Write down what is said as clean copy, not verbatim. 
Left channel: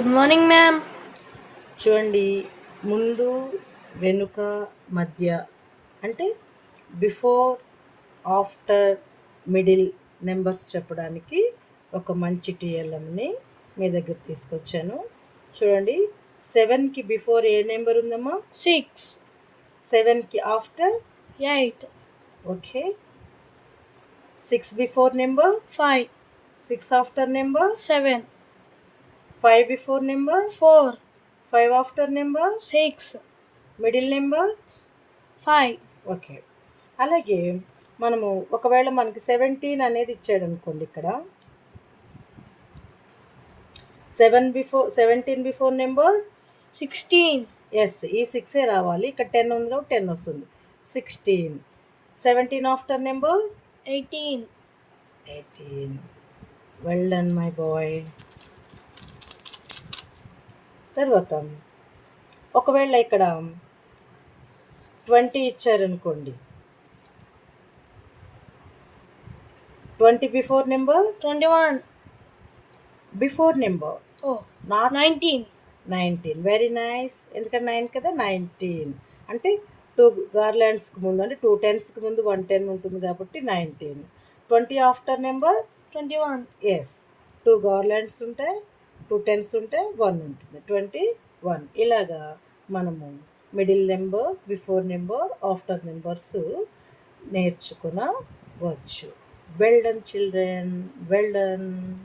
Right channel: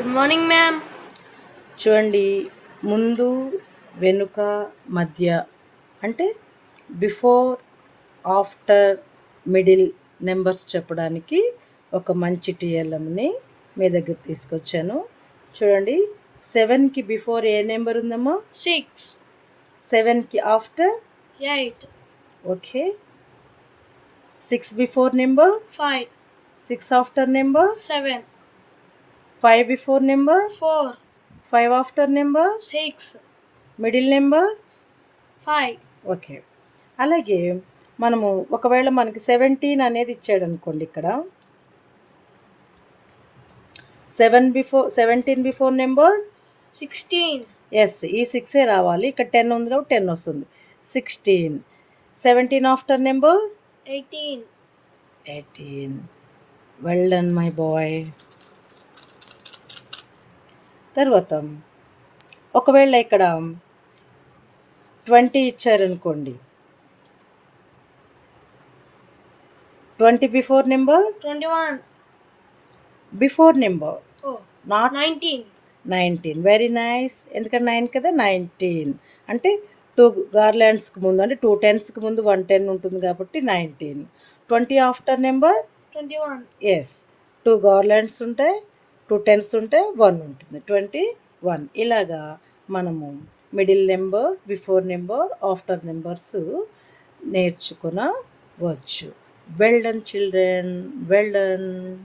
Good morning ma'am. చూడండి, ముందు వెనుక మధ్య అంటే బిఫోర్ ఆఫ్టర్ మిడిల్ నెంబర్స్ చెప్పడానికి ఒక మంచి టీఎల్ఎంని మీ దగ్గర తీసుకొచ్చాను. చూడండి, 7కి బిఫోర్ ఏ నెంబర్ ఉందమ్మా? 6, 7కి after 8, okay. 6 before number, 5, 6 after number, 7, 5 before number, 4, 5 after number, 6, middle number. 5. Okay. అలాగే మనము ఒకవేళ మనకి 17 అనేది ఇచ్చాడు అనుకోండి, ఇక్కడ 17 బిఫోర్ నెంబర్ 16, ఎస్, ఈ 6 రావాలి. ఇక్కడ 10 ఉంది కాబట్టి 10 వస్తుంది. 16. 17 after number 18, 18. Well done my boy. తర్వాత ఒకవేళ ఇక్కడ 20 ఇచ్చారనుకోండి, 20 before number, 21. Before number, Oh, not 19. 19. Very nice. ఎందుకంటే 9 కదా, 19 అంటే 2 గార్లాండ్స్కి ముందు, అంటే 2 10స్కి ముందు 1 10 ఉంటుంది కాబట్టి 19. 20 ఆఫ్టర్ నెంబర్ 21. ఎస్, 2 గార్లాండ్స్ ఉంటాయి, 2 10s ఉంటాయి, 1 ఉంటుంది, 21. ఇలాగా మనము middle number, before number, after numbers నేర్చుకునవచ్చు. Well done children, well done.